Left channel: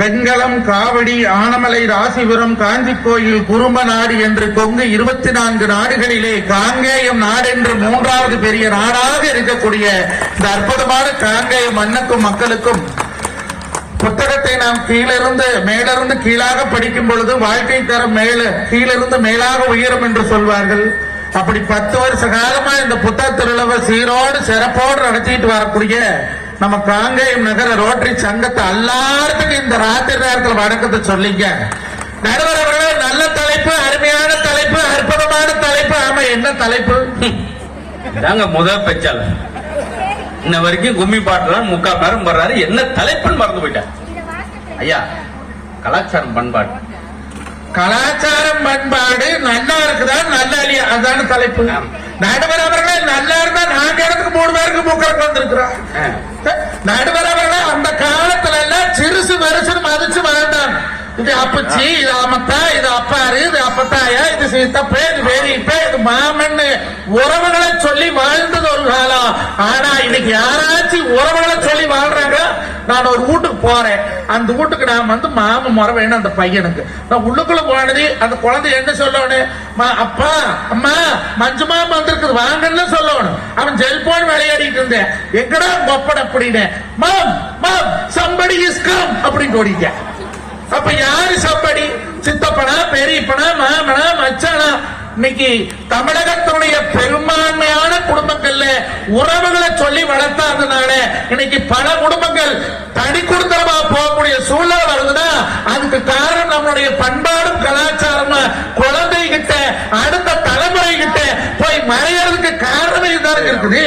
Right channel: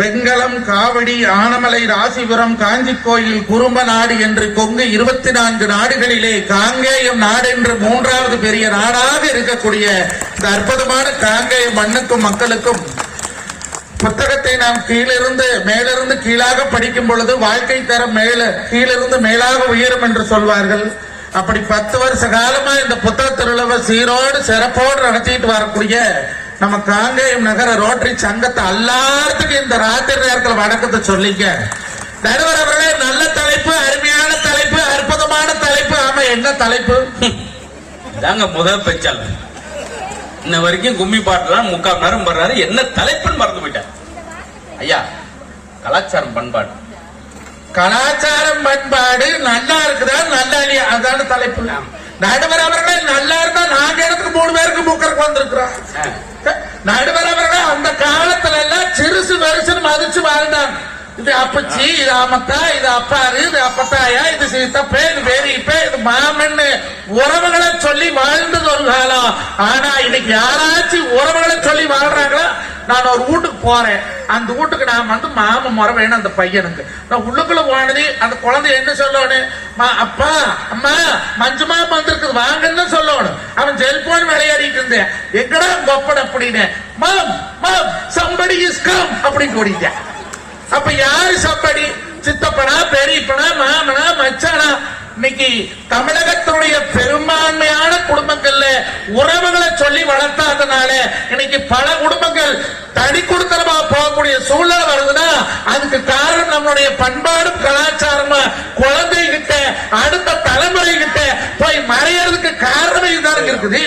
வெங்கலம், காவடி, ஆனமலை, ராசிபுரம், காஞ்சி கோயில், குறும்ப நாடு என்று கொங்கு 24 நாடுகளிலே காங்கேயம் நாடு என்று 3வது பெரிய நாடாக இருக்கக்கூடிய இந்த அற்புதமான காங்கேயம் மண்ணுக்கும் மக்களுக்கும் புத்தகத்தை நாம் மேலிருந்து கீழாக படிக்கும் பொழுது வாழ்க்கை தரம் கீழிருந்து மேலாக உயரும் என்று சொல்வார்கள். அப்படி 10 வருஷ காலமா இந்த புத்தக திருவிழாவை சீரோடு சிறப்போடு நடத்திட்டு வரக்கூடிய நம்ம காங்கேயம் நகர ரோட்டரி சங்கத்தை எல்லாத்துக்கும் இந்த ராத்திரி நேரத்தில் வணக்கத்தை சொல்லிங்க. நடுவர்களே, நல்ல தலைப்பு, அருமையான தலைப்பு, அற்புதமான தலைப்பு. ஆமா, என்ன தலைப்பு? தாங்க முதல் பெச்சால இன்ன வரைக்கும் கும்மி பாட்டுலாம் 3/4 நேரம் வர்றாரு. என்ன தலைப்புன்னு மறந்து போயிட்டேன். ஐயா, கலாச்சாரம் பண்பாடு. கலாச்சாரம் பண்பாடு நல்லா இருக்குதா நல்லா இல்லையா, அதான தலைப்பு. நடுவர் அவர்கள் நல்லா இருந்தா 4 இடத்துக்கு 3 பேருக்கு மூக்கருக்கு வந்திருக்கிறார். நடுவர் அவர்கள் அந்த காலத்துல எல்லாம் சிறுசு வெறுசுன்னு மதிச்சு வாழ்ந்தாங்க. இது அப்பச்சி, இது அம்மத்தா, இது அப்பாரு, இது அப்பத்தாயா, இது சித்தப்பே, இது வேணிப்பே, இது மாமன்னு உறவுகளை சொல்லி வாழ்ந்தது ஒரு காலம். ஆனா இன்னைக்கு யாராச்சும் உறவுகளை சொல்லி வாழ்றாங்க. நான் ஒரு வீட்டுக்கு போறேன், அந்த வீட்டுக்கு நான் வந்து மாமன் முறை வேணும் அந்த பையனுக்கு. நான் உள்ளுக்குள்ள போனது அந்த குழந்தை என்ன சொல்லணும்? அப்பா, அம்மா, மஞ்சுமா வந்திருக்குது வாங்கன்னு சொல்லணும். அவன் செல்போன் விளையாடிட்டு இருந்தேன், எங்கடா கொப்பட அப்படின்னு, மாம் மாம் சம்படி இஸ் கம் அப்படின்னு ஓடிட்டேன். அப்ப யாரு சம்படி? சித்தப்பனா, பெரியப்பனா, மாமனா, மச்சானா? இன்னைக்கு தமிழகத்தினுடைய பெரும்பான்மையான குடும்பங்கள்ல உறவுகளை சொல்லி வளர்த்தாதனால இன்னைக்கு பல குடும்பங்கள் தனி குடும்பமா பார்க்கக்கூடிய சூழ்நிலை வருதுன்னா அதுக்கு காரணம் நம்முடைய பண்பாடும் கலாச்சாரமும் குழந்தைகிட்ட அடுத்த தலைமுறை கிட்ட போய் மறையறதுக்கு காரணம் இதுதான் இருக்குது.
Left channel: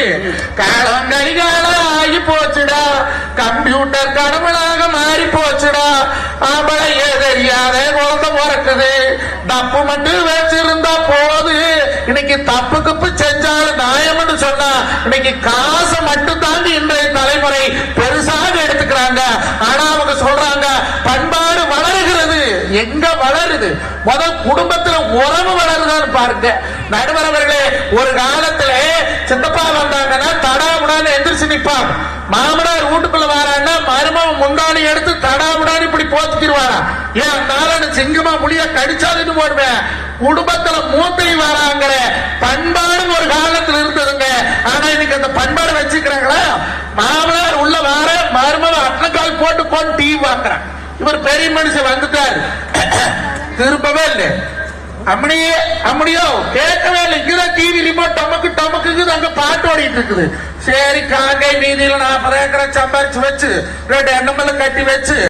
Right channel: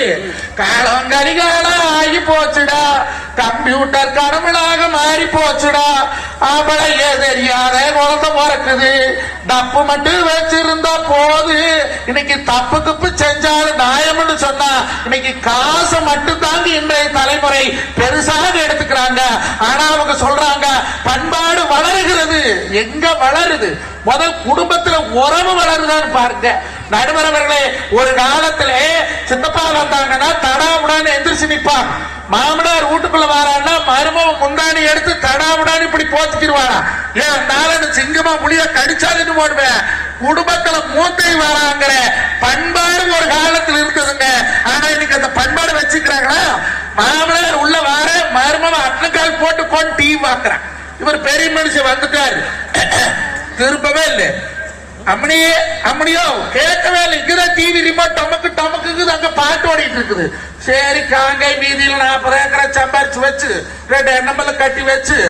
கரிகாலம் ஆகி போச்சுடா, கம்ப்யூட்டர் கருமலாக மாறி போச்சுடா, ஆம்பளையே தெரியாத குழந்தை பிறக்குது, டப்பு மட்டும் வச்சிருந்தா போது. இன்னைக்கு தப்பு தப்பு செஞ்சாலும் நியாயம்னு சொன்னா இன்னைக்கு காசை மட்டும் தாண்டி இன்றைய தலைமுறை பெருசாக எடுத்துக்கிறாங்க. ஆனா அவங்க சொல்றாங்க பண்பாடு வளருகிறது. எங்க வளருது? முதல் குடும்பத்துல உறவு வளருதுன்னு பாருங்க. நடுவர்களே, ஒரு காலத்துல சித்தப்பா வந்தாங்கன்னா தடாவுடான்னு எந்திரிச்சு நிற்பான். மாமனார் வீட்டுக்குள்ள வரான்னா மருமகன் முந்தானி எடுத்து தடாவுடான்னு இப்படி போத்துக்கிடுவாங்க. ஏன் நாளை சிங்கமா முடிய கடிச்சாலுன்னு போடுவேன். குடும்பத்துல மூத்தை வராங்கிற பண்பாடு ஒரு காலத்தில் இருந்ததுங்க. ஆனா இன்னைக்கு அந்த பண்பாடு வச்சுக்கிறாங்களா? மாமனார் உள்ள வார மருமகன் அட்லக்கால் போட்டு கொண்டு டிவி பாக்குறேன். இவர் பெரிய மனுஷன் வந்துட்டாரு, திரும்பவே இல்லை. அம்மனியோ கேட்கவே இல்லை. இங்கதான் டிவி ரிமோட் டமக்கு அங்க பாட்டு ஓடிட்டு இருக்குது. சரி, காங்கை நீதியில 40 ஏக்கரை சம்பாரிச்சு வச்சு 2 எண்ணமெல்லாம் கட்டி வச்சு